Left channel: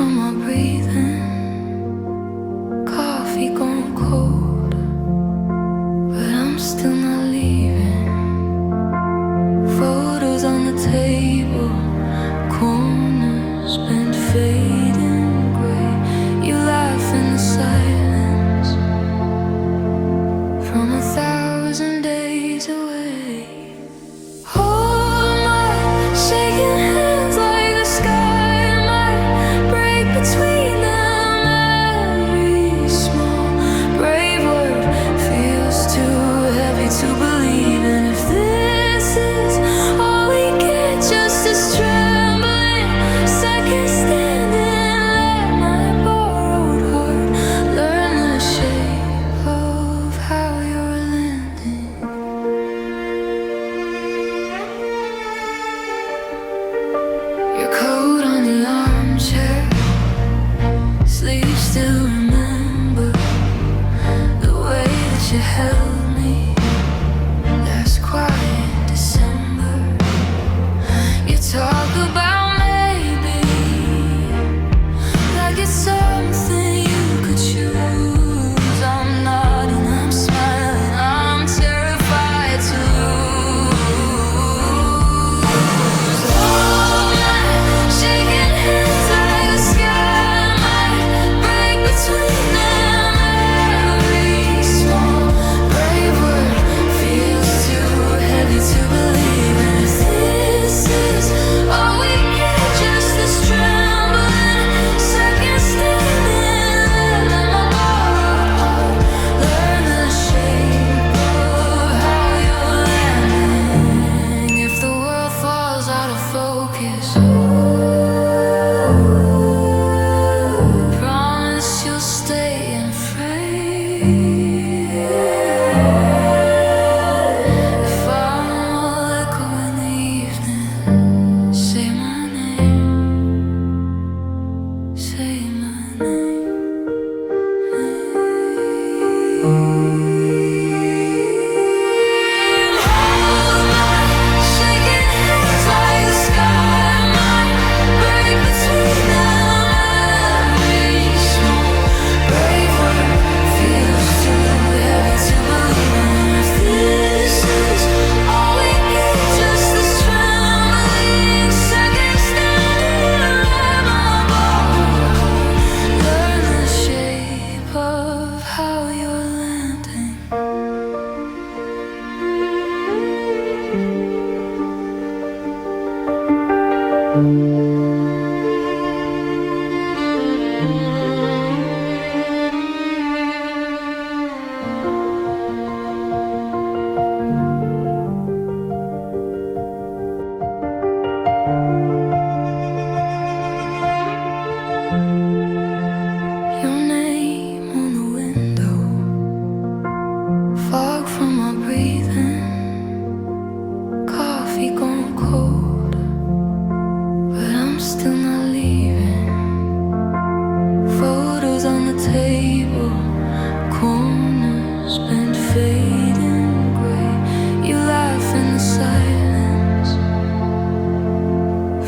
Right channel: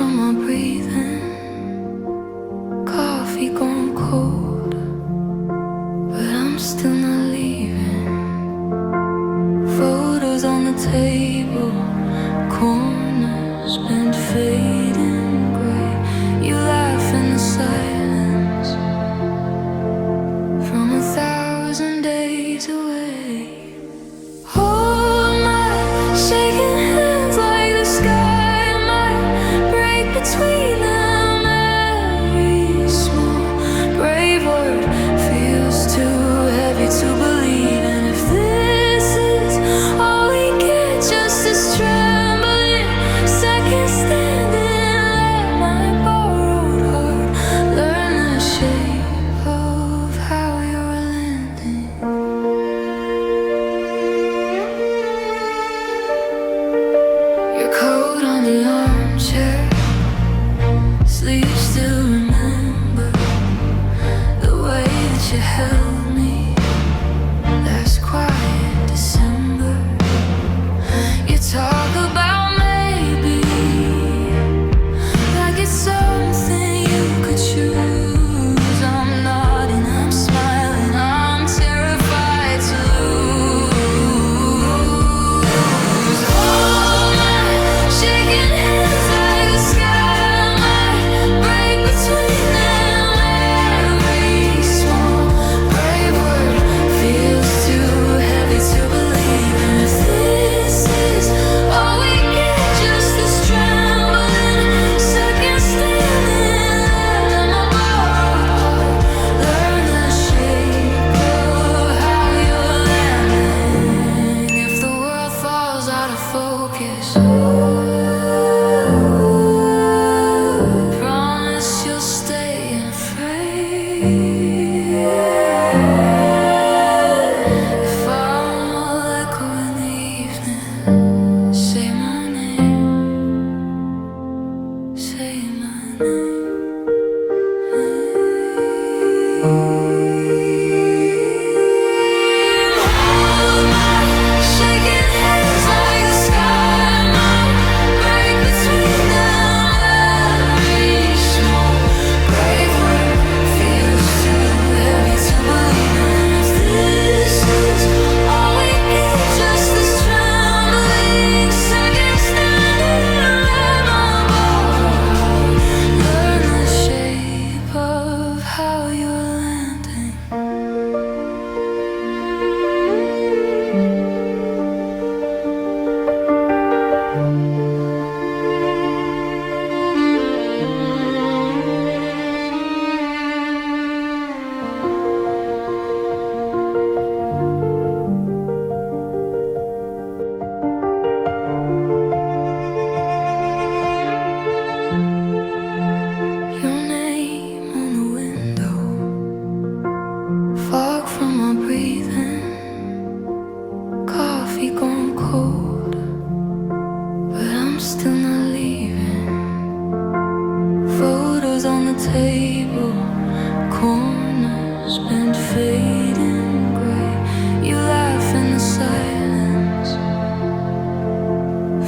from my breathing, coffee gone cold, but I'm still not leaving. Photos on the table, corners bent fading gray. You laugh in the silence from 1,000 days away. Hold my shaking hands like the sky might break between them. Every small brave word feels too heavy to believe in. If this is all we get, just this trembling second standing, let my borrowed heart learn the shape of how you're landing. Your coat on the armchair, sleeves still remember the way that you held me last quiet December. You talk about maybe like it's something you could choose. I'm nodding, I'm smiling, I'm terrified to lose. Hold my shaking hands like the sky might break between them. Every small brave word feels too heavy to believe in. If this is all we get, just this trembling second standing, let my borrowed heart learn the shape of how you're landing. If the world falls out of focus, promise you'll stay in frame. If I'm all echo in the evening, say my name, say my name. Hold my shaking hands like the sky might break between them. Every small brave word feels too heavy to believe in. If this is all we get, just this trembling second standing, let my borrowed heart learn the shape of how you're landing. Your name on the window, fog from my breathing, coffee gone cold, but I'm still not leaving. Photos on the table, corners bent fading gray. You laugh in the silence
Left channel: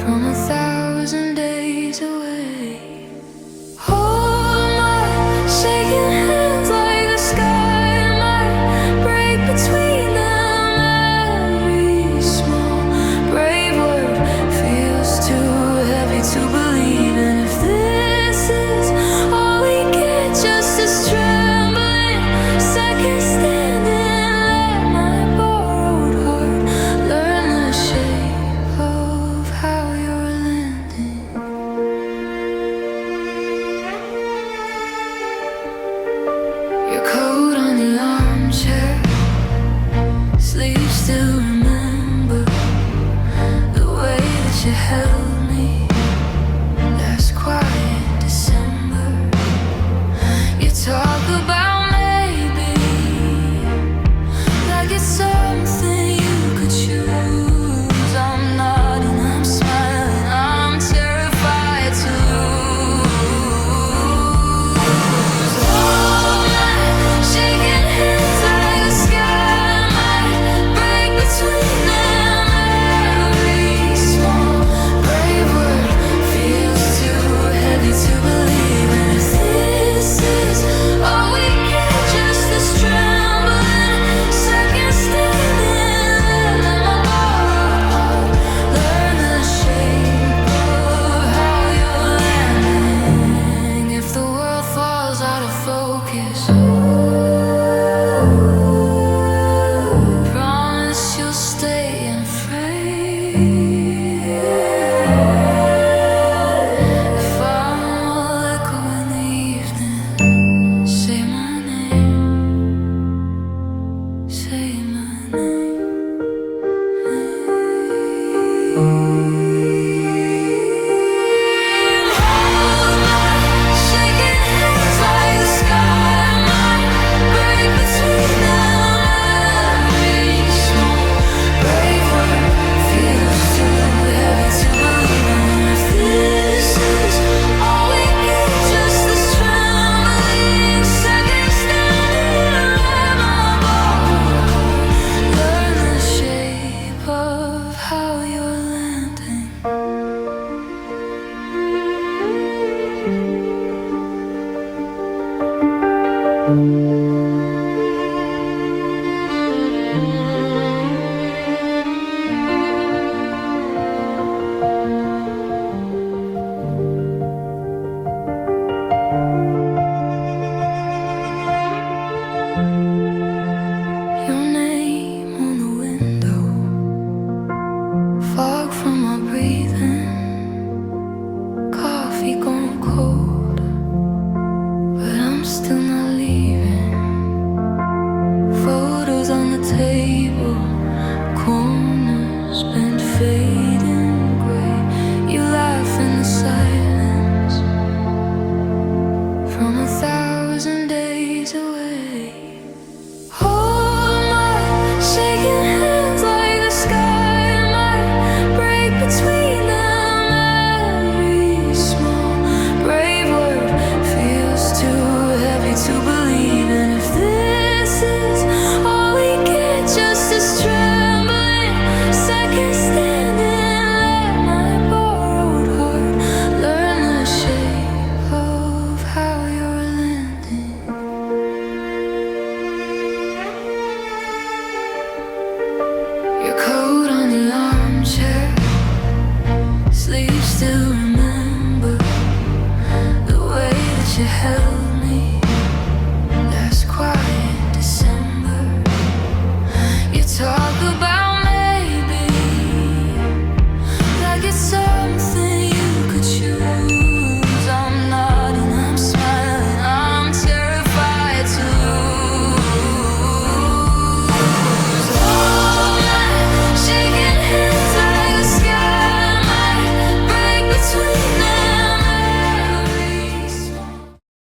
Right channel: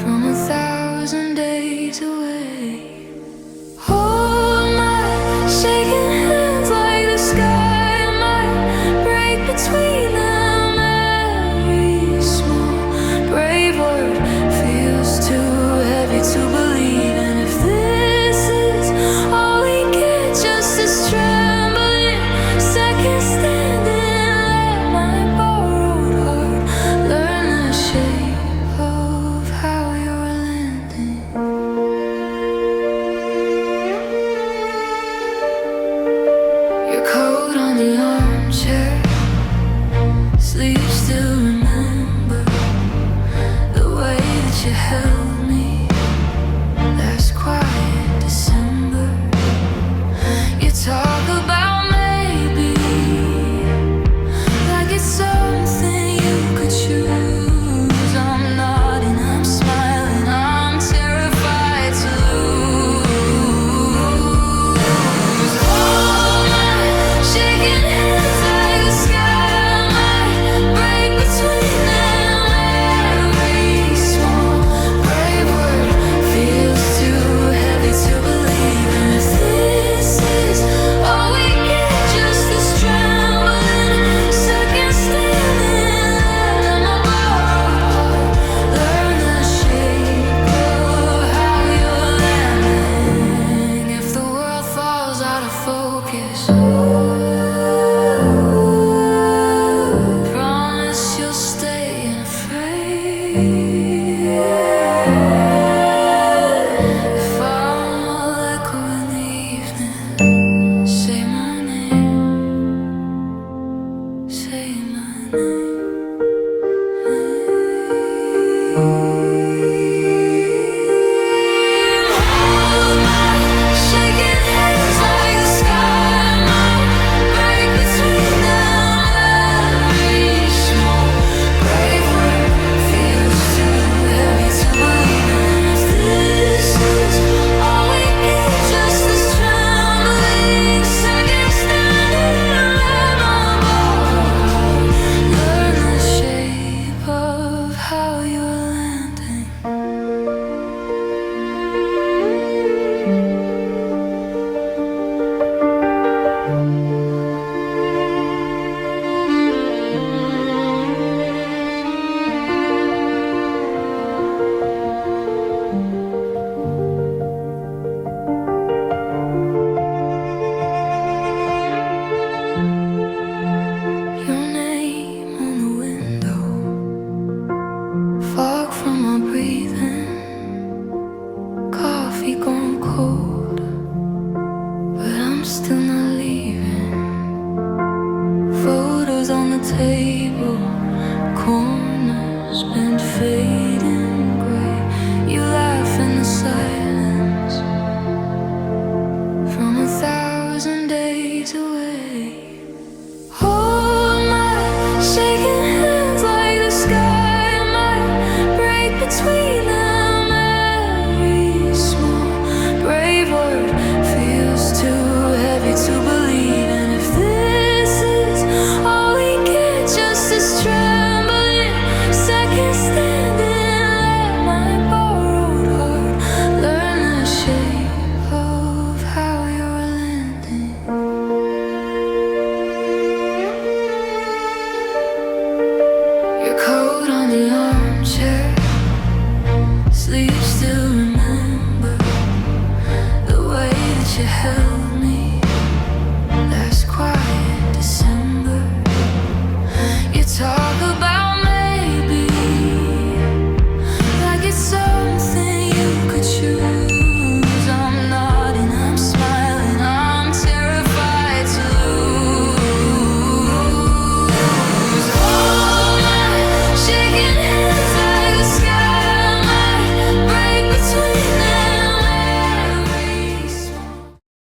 from 1,000 days away. Hold my shaking hands like the sky might break between them. Every small brave word feels too heavy to believe in. If this is all we get, just this trembling second standing, let my borrowed heart learn the shape of how you're landing. Your coat on the armchair, sleeves still remember the way that you held me last quiet December. You talk about eyes. Promise you'll stay and afraid. If I'm all echo in the evening, say my name, say my name. Your name on the window, fog from my breathing, coffee gone cold, but I'm still not leaving. Photos on the table, corners bent fading gray. You laugh in the silence from 1,000 days away. Hold my shaking hands like the sky might break between them. Every small brave word feels too heavy to believe in. If this is all we get, just this trembling second standing, let my borrowed heart learn the shape of how you're landing. Your coat on the armchair, sleeves still remember the way that you held